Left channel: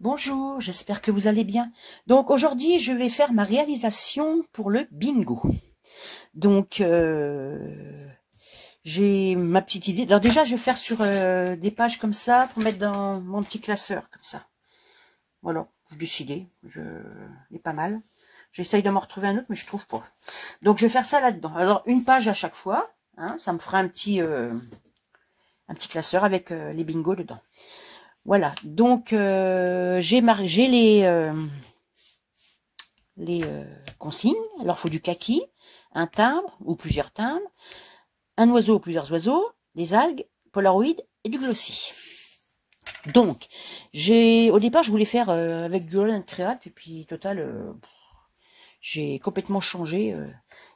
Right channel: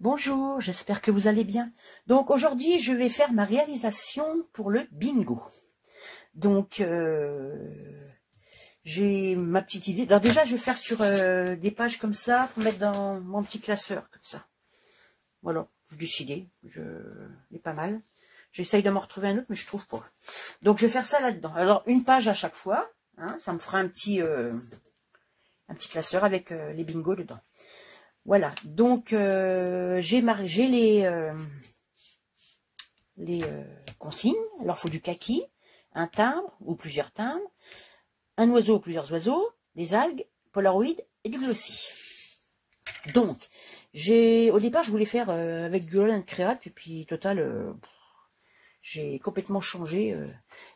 Bonjour, j'espère que vous allez bien. Donc aujourd'hui, je vais faire ma réalisation pour le bingo. Donc j'ai ma petite idée. Alors déjà, je vais faire sur des pages comme ça pour mettre dans mon petit classeur comme ça. Voilà, j'ai décidé, il est pas mal. J'essaye de m'en retrouver un autre, mais je trouve pas. Donc je vais faire ça là-dedans. Alors une page à chaque fois, hein, ça me fera un petit classeur avec les bingos dedans. Voilà, donc j'ai les consignes. Alors, il faut du kaki, un timbre ou plusieurs timbres, un oiseau ou plusieurs oiseaux, des algues, Polaroid et du glossy. Donc, au départ, je voulais faire avec du Holland Create, et puis, total, j'ai complètement changé.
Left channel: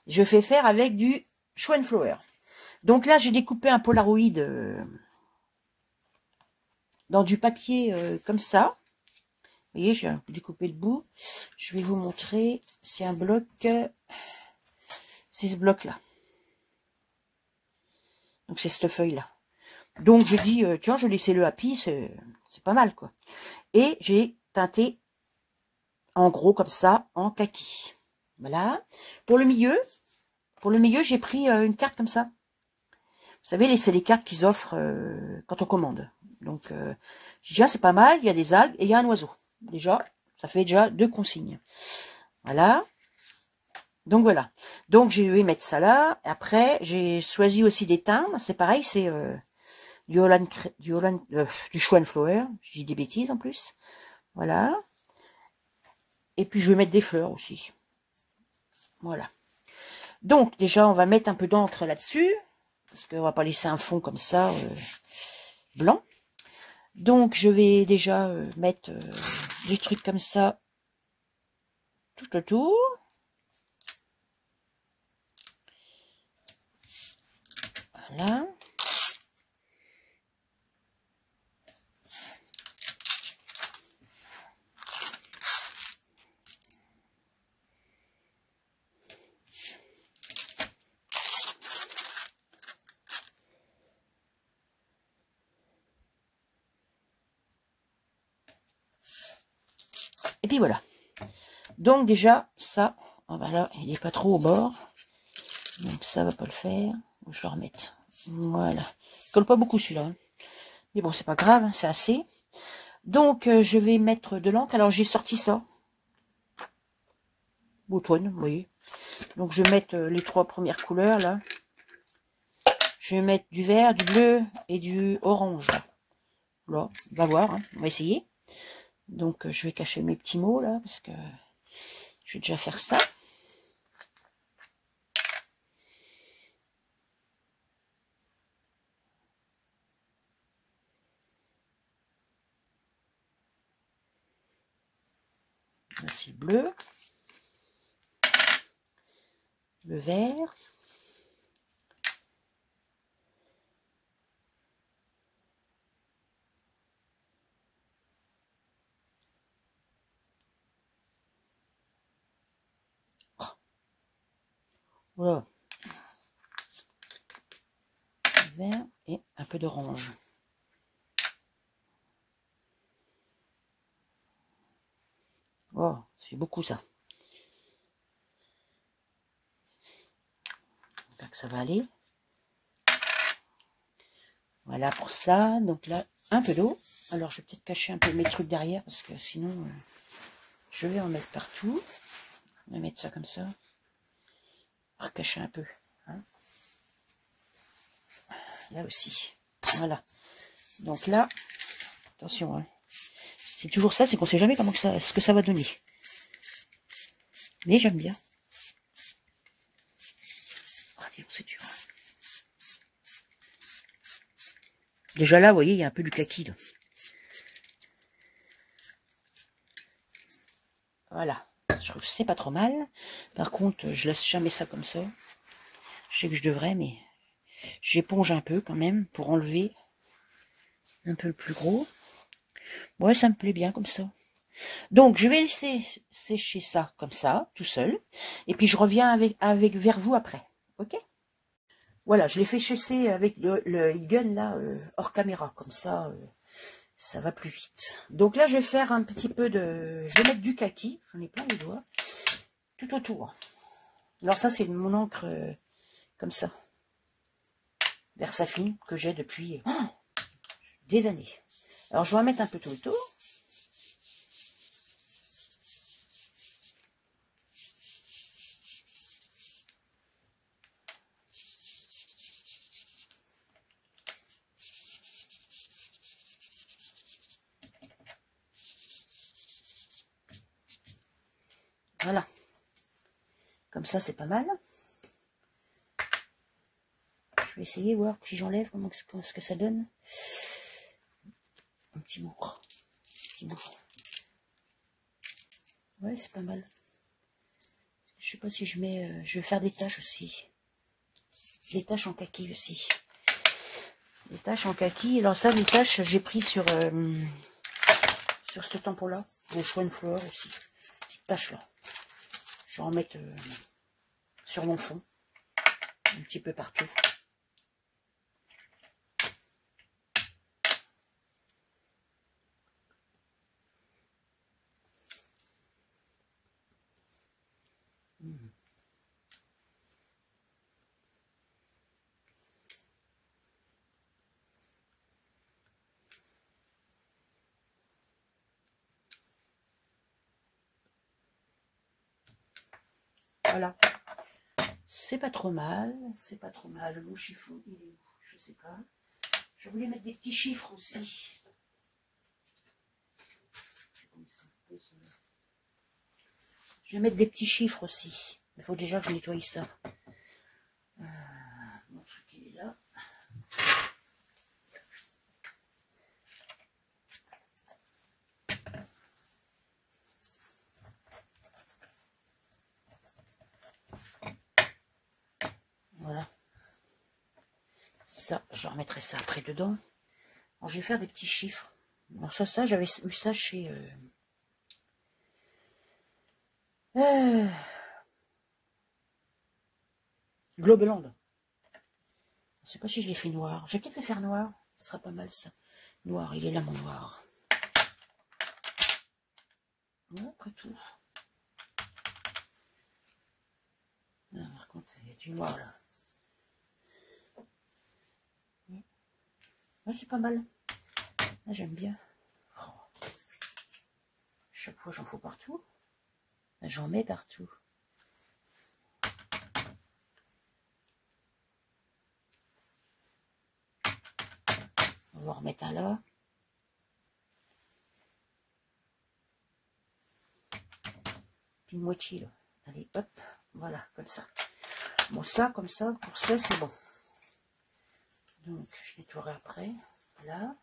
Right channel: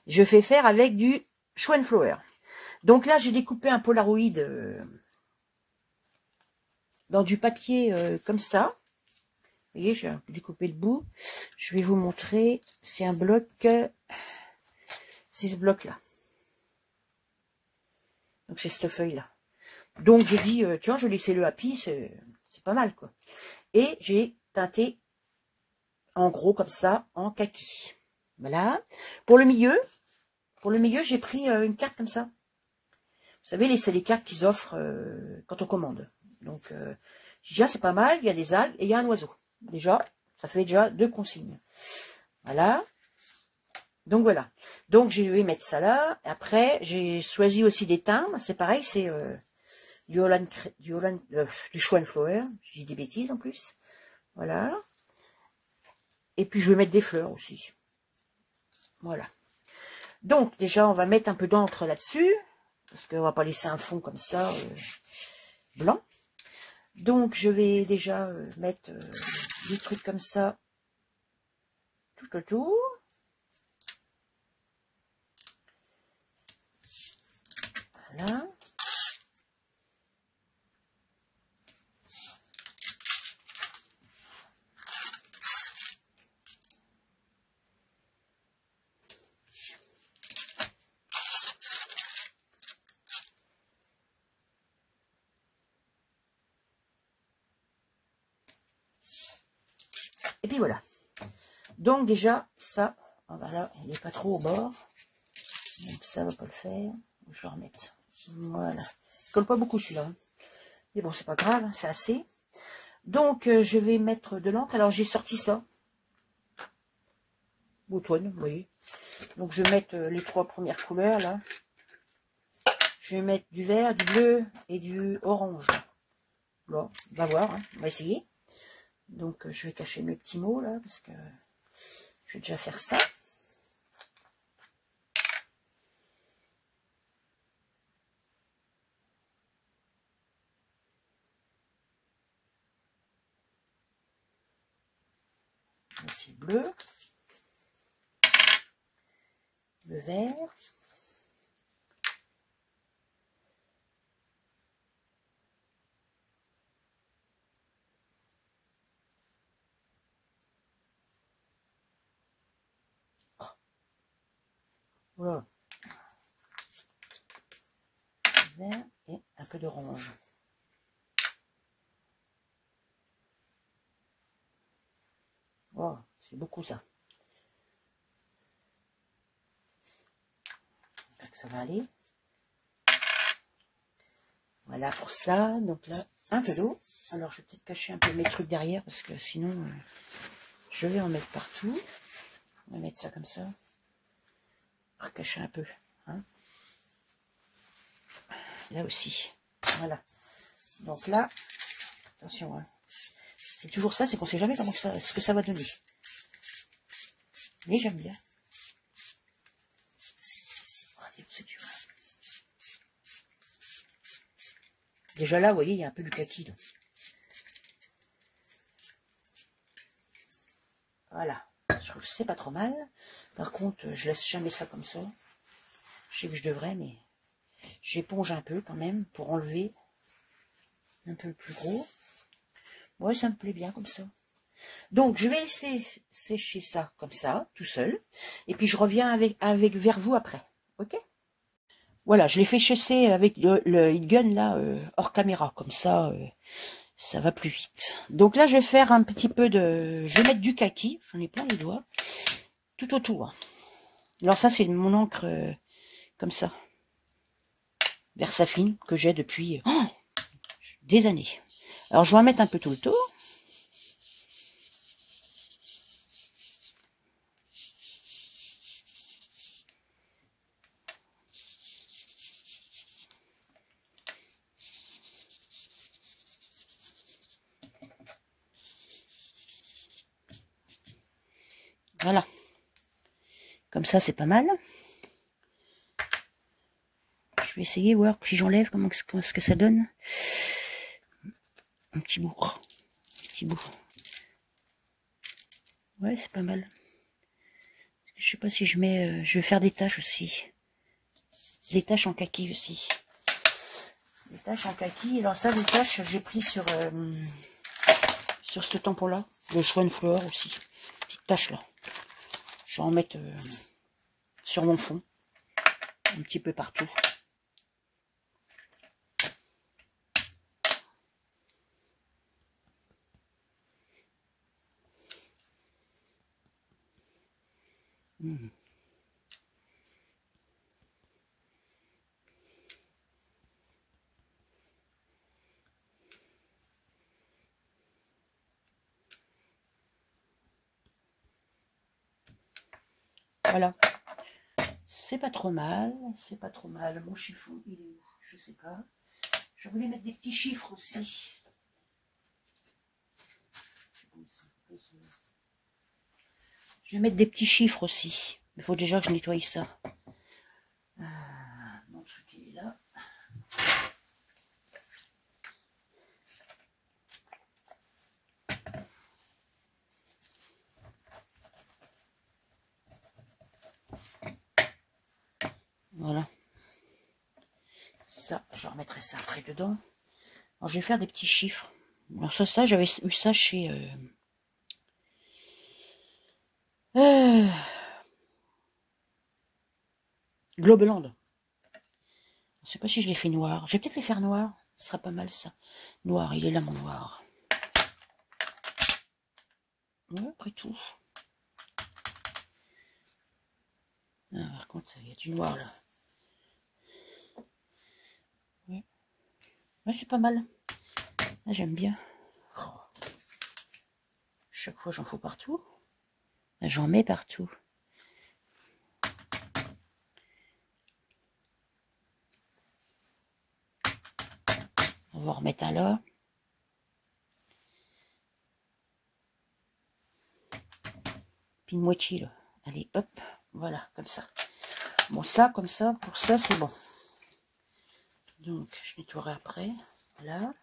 Je fais faire avec du Schweinflower. Donc là, j'ai découpé un Polaroid dans du papier comme ça. Vous voyez, j'ai découpé le bout. Je vais vous montrer. C'est un bloc. C'est ce bloc-là. Donc, c'est cette feuille-là. Donc, j'ai dit, tiens, je vais laisser le happy, c'est pas mal, quoi. Et j'ai teinté, en gros, comme ça, en kaki. Voilà. Pour le milieu, j'ai pris une carte comme ça. Vous savez, c'est les cartes qu'ils offrent quand on commande. Donc, j'ai dit, ah, c'est pas mal, il y a des algues et il y a un oiseau. Déjà, ça fait déjà 2 consignes. Voilà. Donc, voilà. Donc, je vais mettre ça là. Après, j'ai choisi aussi des timbres. C'est pareil, c'est du Schweinflower. Je dis des bêtises en plus. Voilà. Et puis, je vais mettre des fleurs aussi. Voilà. Donc, déjà, on va mettre un peu d'encre là-dessus. Parce qu'on va pas laisser un fond comme ça, blanc. Donc, je vais déjà mettre des trucs comme ça tout autour. Voilà. Et puis voilà. Donc déjà, ça, voilà, il n'est pas trop au bord. Donc ça va pas le faire. Je vais le remettre. Voilà. Il colle pas beaucoup celui-là. Hein. Mais bon, c'est pas grave, hein, c'est assez. Donc je vais mettre de l'encre. Alors j'ai sorti ça. Boutonne, vous voyez. Donc je vais mettre les 3 premières couleurs là. Je vais mettre du vert, du bleu et du orange. Voilà, on va voir, hein. On va essayer. Donc je vais cacher mes petits mots là, parce que je vais déjà faire ça. Voici le bleu. Le vert. Voilà. Le vert et un peu d'orange. Oh, ça fait beaucoup ça. Donc ça va aller. Voilà pour ça. Donc là, un peu d'eau. Alors je vais peut-être cacher un peu mes trucs derrière, parce que sinon, je vais en mettre partout. On va mettre ça comme ça. Pour cacher un peu. Hein. Là aussi. Voilà. Donc là, attention. Hein. C'est toujours ça, c'est qu'on ne sait jamais comment ce que ça va donner. Mais j'aime bien. Oh, c'est dur. Déjà là, vous voyez, il y a un peu du kaki. Là. Voilà. Je trouve que c'est pas trop mal. Par contre, je laisse jamais ça comme ça. Je sais que je devrais, mais j'éponge un peu quand même pour enlever un peu le plus gros. Ouais, ça me plaît bien comme ça. Donc, je vais laisser sécher ça comme ça, tout seul. Et puis, je reviens vers vous après. Ok? Voilà, je l'ai fait sécher avec le heat gun, là, hors caméra. Comme ça, ça va plus vite. Donc là, je vais faire un petit peu de... Je vais mettre du kaki, j'en ai plein les doigts, tout autour. Alors ça, c'est mon encre comme ça, Versafine, que j'ai depuis des années. Alors, je vais en mettre un peu tout le tour. Voilà. Comme ça, c'est pas mal. Je vais essayer, voir si j'enlève comment ce que ça donne. Un petit bout. Un petit bout. Ouais, c'est pas mal. Je sais pas si je mets... je vais faire des taches aussi. Des taches en kaki aussi. Des taches en kaki. Alors ça, les taches, j'ai pris sur ce tampon-là. Le Schwan Flower aussi. Petite tache là. Je vais en mettre sur mon fond. Un petit peu partout. Voilà. C'est pas trop mal. C'est pas trop mal. Mon chiffon, il est où? Je sais pas. Je voulais mettre des petits chiffres aussi. Je vais mettre des petits chiffres aussi. Il faut déjà que je nettoie ça. Mon truc, il est là. Voilà. Ça, je remettrai ça après dedans. Alors, je vais faire des petits chiffres. Alors ça j'avais eu ça chez... Globeland. Je sais pas si je les fais noir. Je vais peut-être les faire noir. Ce sera pas mal ça. Noir, il est là mon noir. Ouais, après tout. Ah, par contre, il y a du noir là. Ouais, ouais, c'est pas mal. Là, j'aime bien. Oh. Chaque fois, j'en fous partout. Là, j'en mets partout. On va en remettre un là. Puis une moitié là. Allez, hop. Voilà, comme ça. Bon, ça, comme ça, pour ça, c'est bon. Donc, je nettoierai après. Là.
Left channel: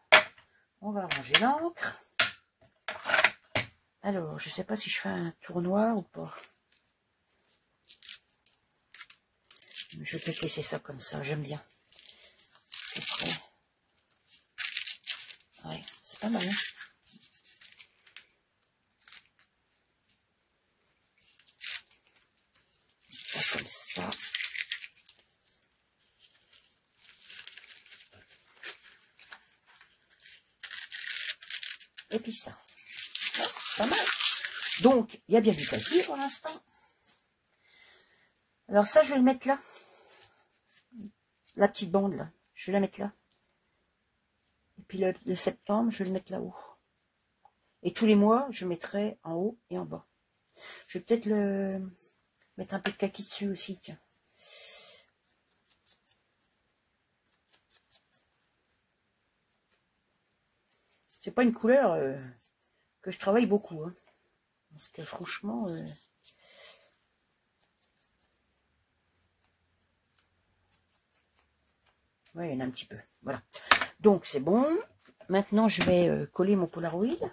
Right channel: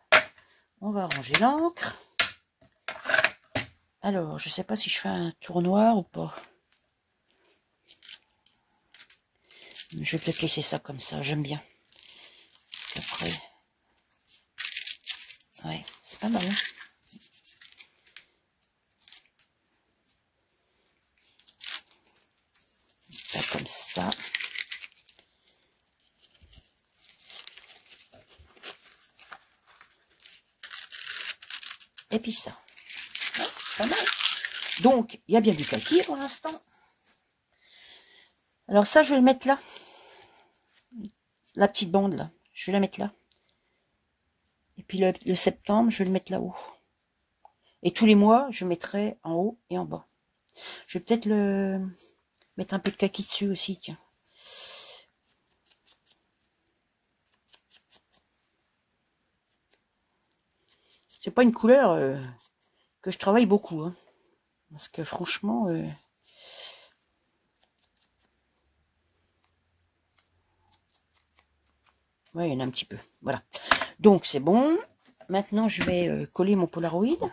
On va ranger l'encre. Alors, je sais pas si je fais un tour noir ou pas. Je vais peut-être laisser ça comme ça, j'aime bien. Après, ouais, c'est pas mal. Hein, ça comme ça. Et puis ça. Ouais, c'est pas mal. Donc, il y a bien du kaki pour l'instant. Alors ça, je vais le mettre là. La petite bande là. Je vais la mettre là. Et puis le septembre, je vais le mettre là-haut. Et tous les mois, je mettrai en haut et en bas. Je vais peut-être le mettre un peu de kaki dessus aussi, tiens. C'est pas une couleur que je travaille beaucoup. Hein, parce que franchement... ouais, il y en a un petit peu. Voilà. Donc, c'est bon. Maintenant, je vais coller mon Polaroid.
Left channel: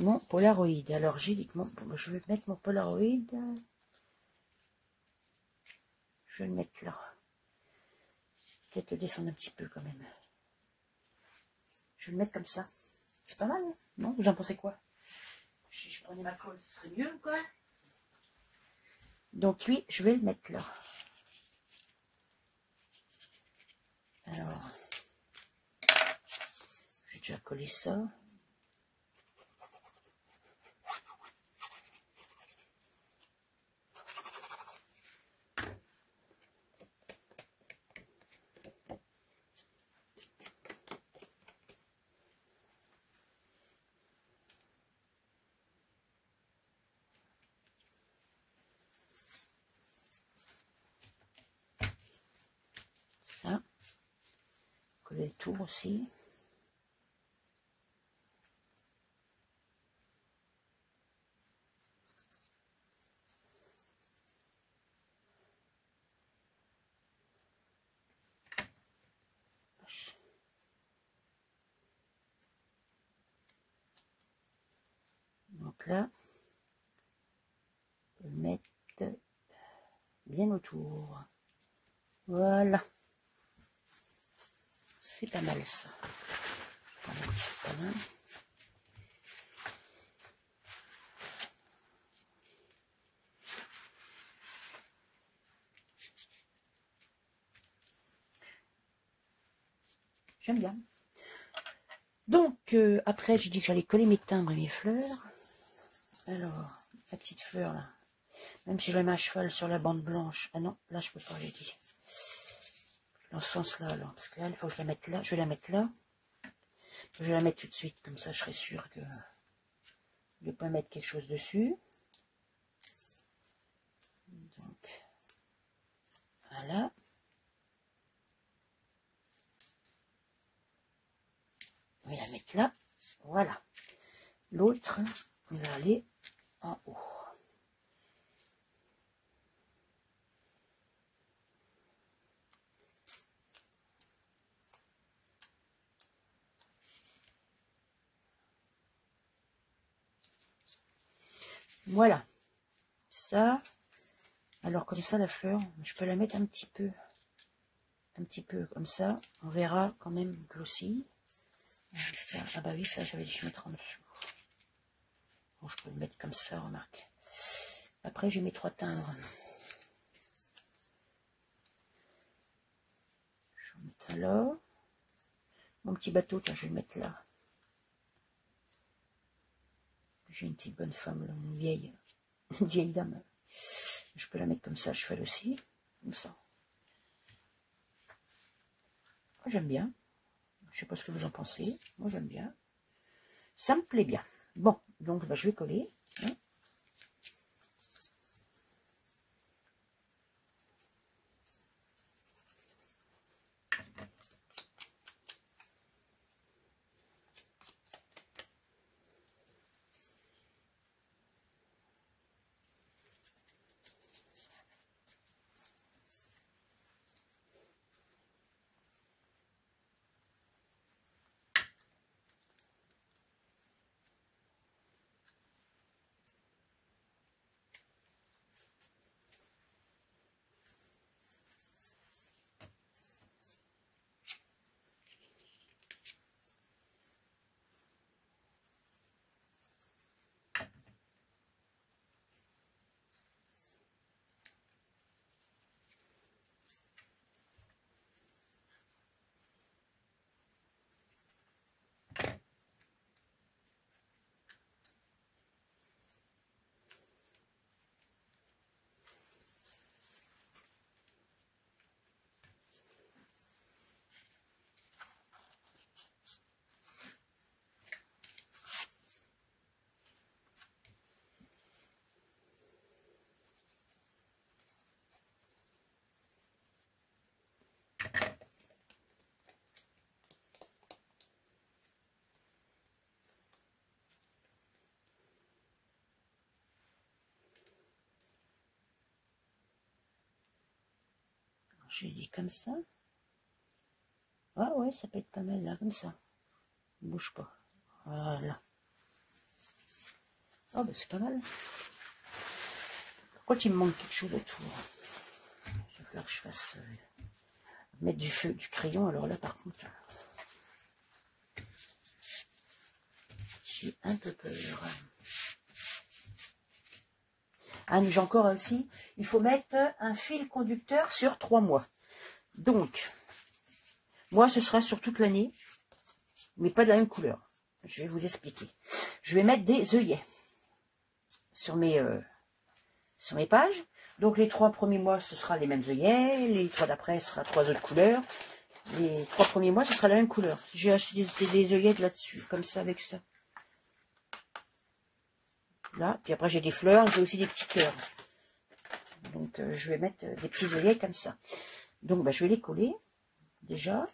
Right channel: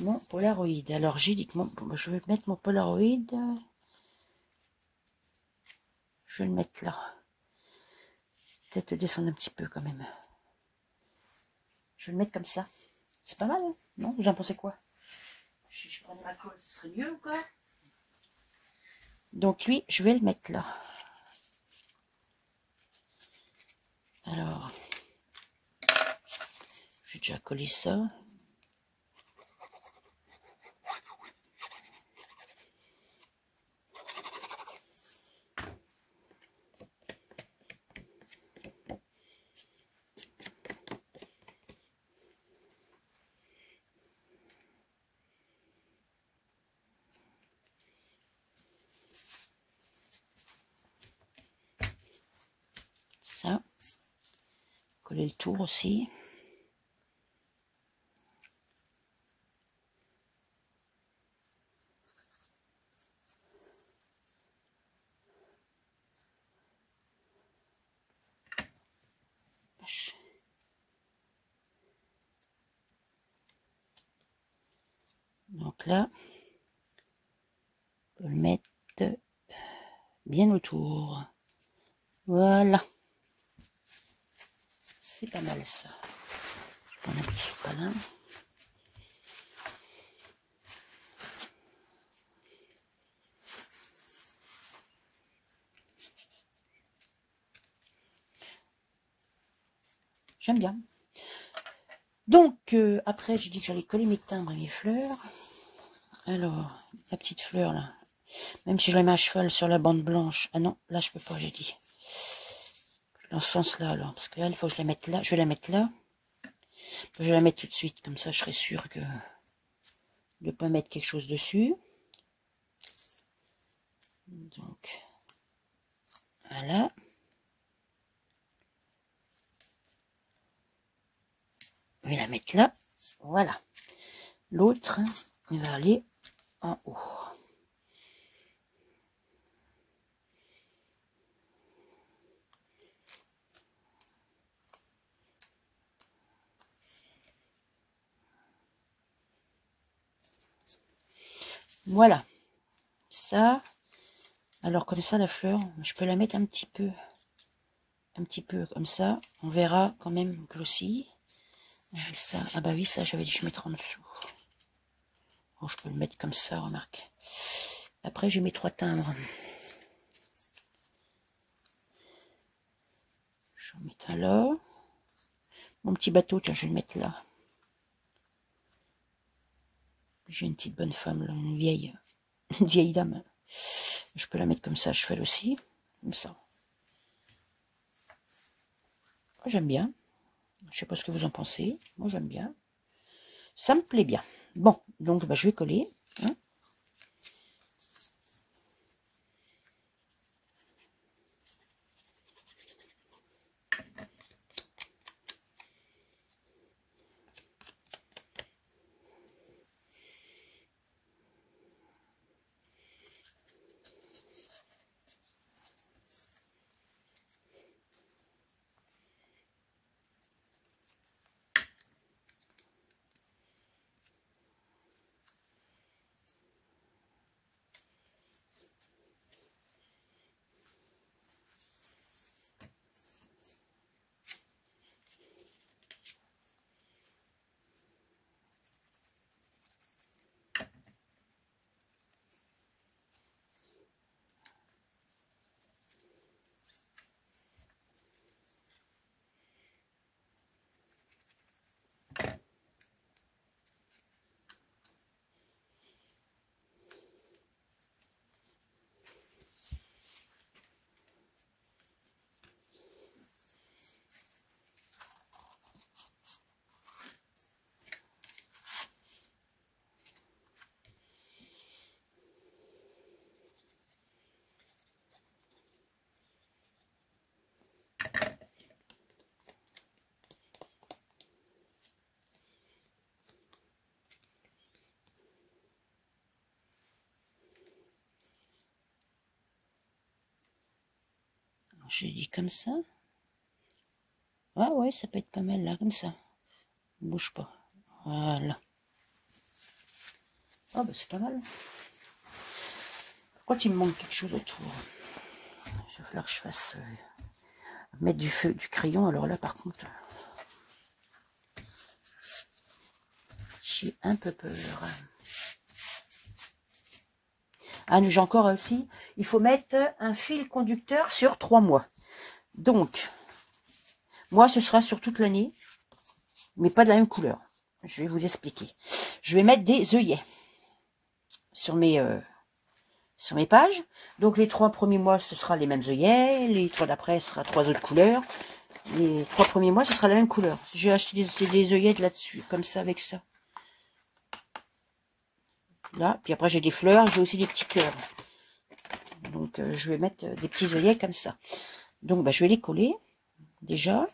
Mon Polaroid. Alors, j'ai dit que je vais mettre mon Polaroid. Je vais le mettre là. Peut-être le descendre un petit peu quand même. Je vais le mettre comme ça. C'est pas mal, hein? Non? Vous en pensez quoi? Si je prenais ma colle, ce serait mieux ou quoi? Donc, lui, je vais le mettre là. déjà collé ça. Ça. Coller le tour aussi. Donc là, on peut le mettre bien autour. Voilà. C'est pas mal ça. Je prends un petit sopalin. J'aime bien. Donc, après, j'ai dit que j'allais coller mes timbres et mes fleurs. Alors, la petite fleur, là. Même si je la mets à cheval sur la bande blanche. Ah non, là, je peux pas, j'ai dit. Dans ce sens-là, alors. Parce que là, il faut que je la mette là. Je vais la mettre là. Je vais la mettre tout de suite. Comme ça, je serai sûre que de ne pas mettre quelque chose dessus. Donc, voilà. Je vais la mettre là. Voilà. L'autre, il va aller en haut. Voilà. Ça. Alors comme ça, la fleur, je peux la mettre un petit peu comme ça. On verra quand même que aussi. Ça, ah bah oui, ça j'avais dit que je mettrais en dessous. Bon, je peux le mettre comme ça, remarque. Après, j'ai mes 3 timbres. Je vais en mettre un là. Mon petit bateau, tiens, je vais le mettre là. J'ai une petite bonne femme, là, une vieille dame. Je peux la mettre comme ça, je fais aussi. Comme ça. J'aime bien. Je sais pas ce que vous en pensez. Moi, j'aime bien. Ça me plaît bien. Bon, donc bah, je vais coller. Hein. J'ai dit comme ça. Ah ouais, ça peut être pas mal là, comme ça. Ne bouge pas. Voilà. Ah bah c'est pas mal. Pourquoi il me manque quelque chose autour? Il va falloir que je fasse mettre du feu, du crayon. Alors là par contre, j'ai un peu peur. Ah, j'ai encore aussi, il faut mettre un fil conducteur sur 3 mois. Donc, moi, ce sera sur toute l'année. mais pas de la même couleur. Je vais vous expliquer. Je vais mettre des œillets sur mes pages. Donc les 3 premiers mois, ce sera les mêmes œillets. Les 3 d'après, ce sera 3 autres couleurs. Les 3 premiers mois, ce sera la même couleur. J'ai acheté des œillettes là-dessus, comme ça, avec ça. Là, puis après j'ai des fleurs, j'ai aussi des petits cœurs. Donc je vais mettre des petits œillets comme ça. Donc bah, je vais les coller, déjà.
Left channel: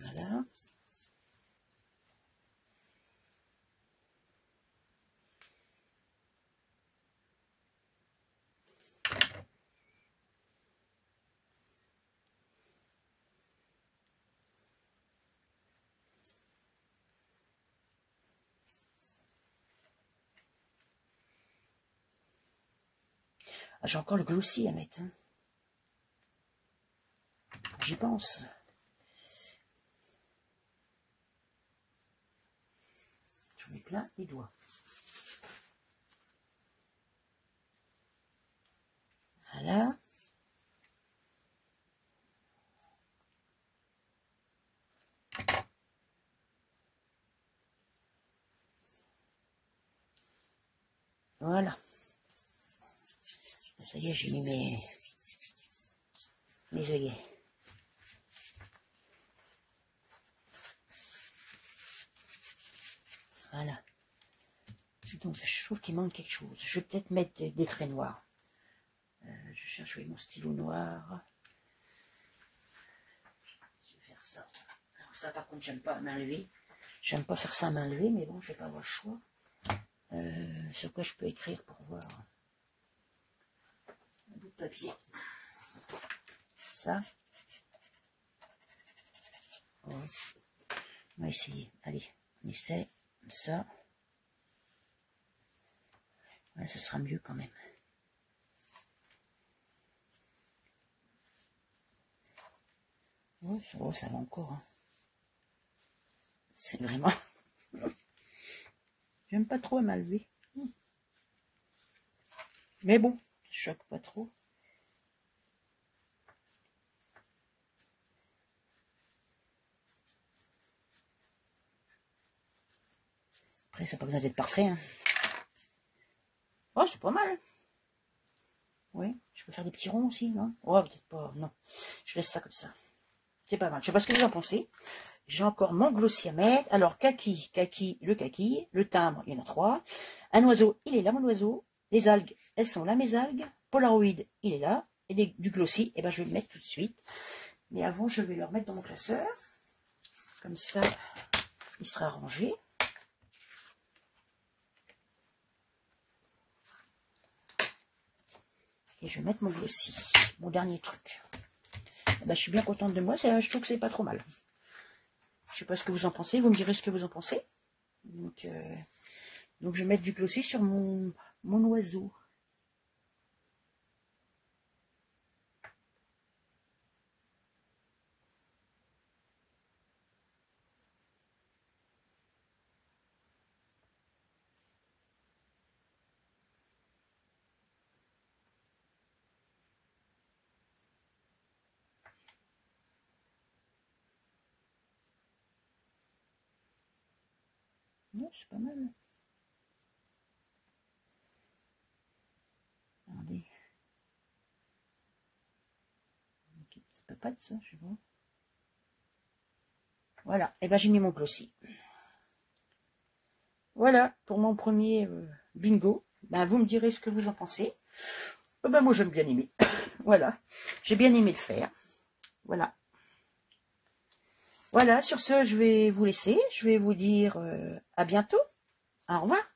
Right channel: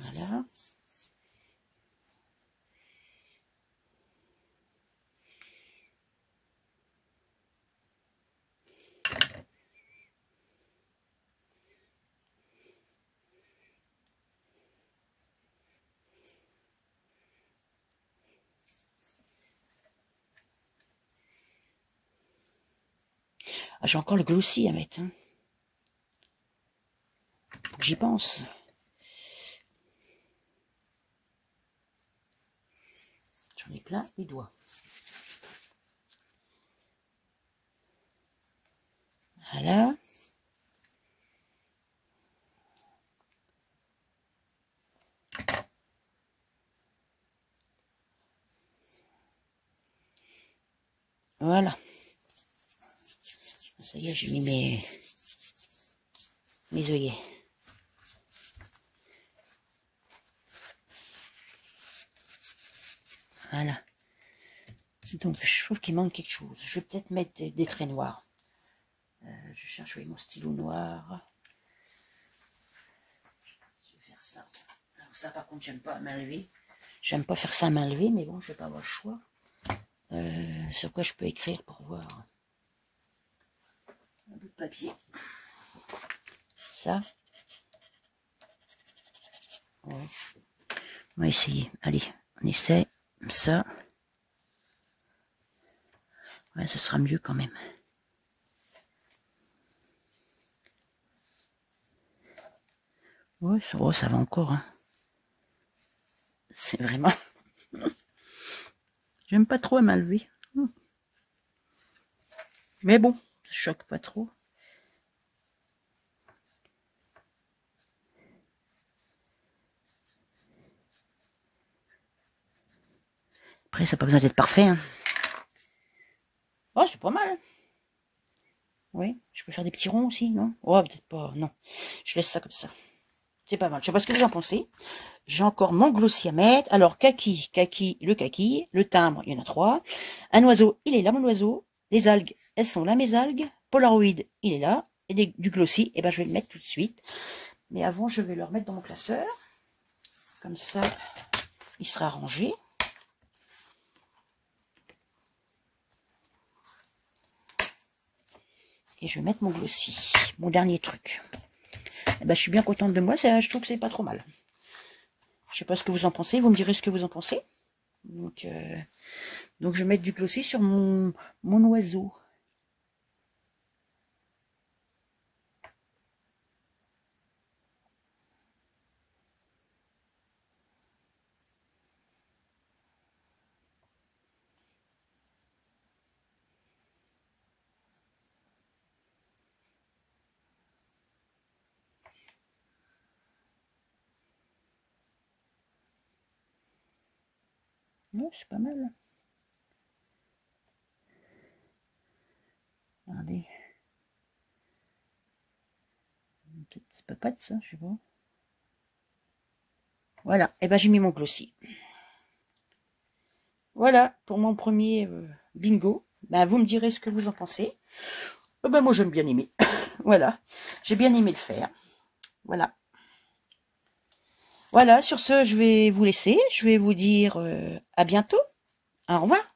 Voilà. Ah, j'ai encore le glossy à mettre. Hein. J'y pense. J'en ai plein les doigts. Voilà. Voilà. Ça y est, j'ai mis mes œillets. Voilà. Donc, je trouve qu'il manque quelque chose. Je vais peut-être mettre des traits noirs. Je cherche mon stylo noir. Je vais faire ça. Alors ça, par contre, j'aime pas à main levée. J'aime pas faire ça à main levée, mais bon, je vais pas avoir le choix. Sur quoi je peux écrire pour voir un bout de papier. Ça. Ouais. On va essayer. Allez, on essaie. Ça. Ouais, ce sera mieux quand même. Ouais, ça va encore. Hein. C'est vraiment... J'aime pas trop à main levée. Mais bon, ça choque pas trop. Après, ça n'a pas besoin d'être parfait. Hein. Oh, c'est pas mal. Oui, je peux faire des petits ronds aussi, non? Oh, peut-être pas, non. Je laisse ça comme ça. C'est pas mal. Je sais pas ce que vous en pensez. J'ai encore mon glossy à mettre. Alors, kaki, le timbre, il y en a 3. Un oiseau, il est là, mon oiseau. Les algues, elles sont là, mes algues. Polaroid, il est là. Et du glossy, eh ben, je vais le mettre tout de suite. Mais avant, je vais le remettre dans mon classeur. Comme ça, il sera rangé. Et je vais mettre mon glossy, mon dernier truc. Eh ben, je suis bien contente de moi, je trouve que c'est pas trop mal. Je sais pas ce que vous en pensez, vous me direz ce que vous en pensez. Donc je vais mettre du glossy sur mon oiseau. Ouais, c'est pas mal. Regardez. C'est pas de ça, je sais pas. Voilà, et ben j'ai mis mon glossy. Voilà, pour mon premier bingo. Ben, vous me direz ce que vous en pensez. Ben, moi, j'aime bien aimer. Voilà, j'ai bien aimé le faire. Voilà. Voilà, sur ce, je vais vous laisser. Je vais vous dire à bientôt. Au revoir.